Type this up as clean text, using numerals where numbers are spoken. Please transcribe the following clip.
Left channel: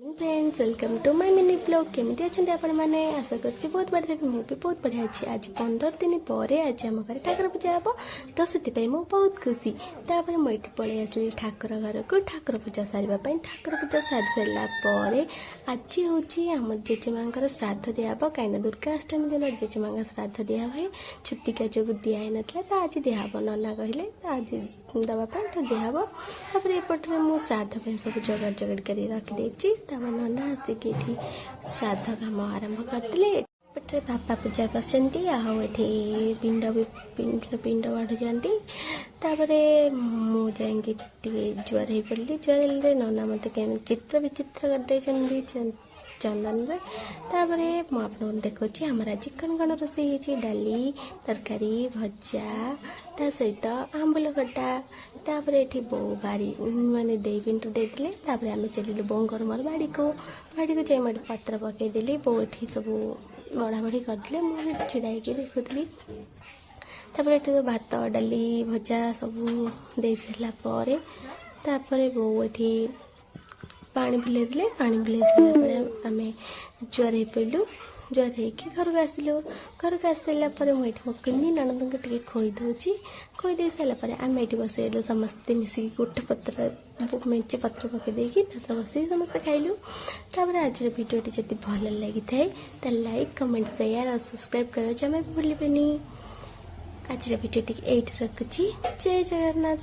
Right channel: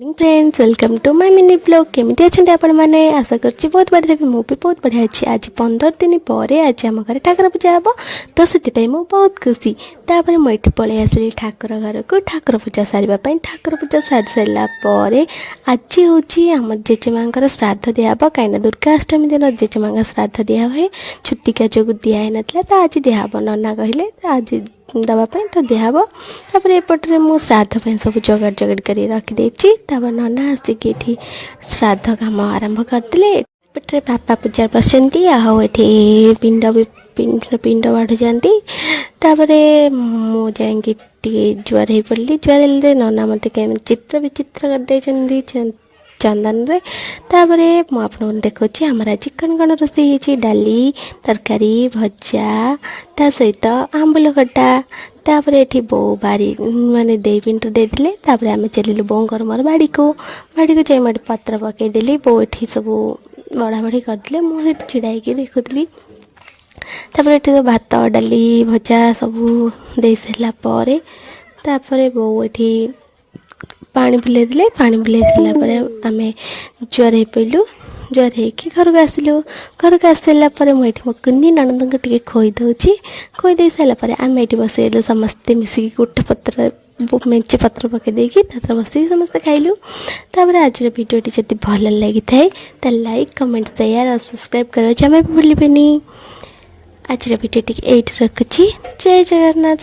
Friends welcome to my mini blog केमिति अच्छे आपण मैंने आशा करछि बहुत बढ़िया देवी मु भी बहुत बढ़िया अच्छी आज 15 दिन पर आज आम घर ठाकुर पूजा हम तो से मु बहुत खुशी तापर मुझे पलि आसली ठाकुर घर को ठाकुर पूजा सारे ठाकुर पूजा सारी सारापर आज हूँ आम जेजेमा श्राद्ध दिहब कहीं दुर्गा अष्टमी दिन जेजेमा श्राद्ध दिया हुए छुतिका जो दिहई ना तो आज दिहब नना कहले आज दवापाई तो दिहब तापर एपटे मुझे श्राद्ध सब जगाड़ जगाड़ कर रखिदे तापर नना आसिक ये श्राद्ध काम आरंभ करते एपटे बापा पूजा बसती आठी पिंड भी पिंड बाढ़ जाती तापर मुझे जुआर हो पड़ी जुआर नना मत चित्र विचित्र करदे चंदन रे तापर मुझे देखुची आमर आज कण कण रोषे होती डाली तरकारी भजा ता सहित आंबुल खटा तापर ये बो बारी माने दे पिंट देते तापर आम चलिलु बोर मोर बाड़ी को जाए मैं पत्र पकईदेली बो ये सब बड़ा बड़ी करते मुझे छिड़ा देखुली तापर ये तो भात डाली भजा सब दे सारापर तापर बो ये पानी बुले देले पानी बुले सारापर आम जुआर हो पड़ू जुआर हो घर को आसलु घर को आसापर मुझे मो कुनी ननद को खोई दूची खोई दे सारापर आम ये बसैलु समस्ते मिसिक गोटे पत्र मेचे पत्र पकई देकी बसिक समस्ते खाइलु तापर आज वीडियो जब भल लगी थाए तो लाइक कमेंट शेयर और सब्सक्राइब करो जमा भी भूलिबेनी। आज वीडियो ये रखुची जय जगन्नाथ।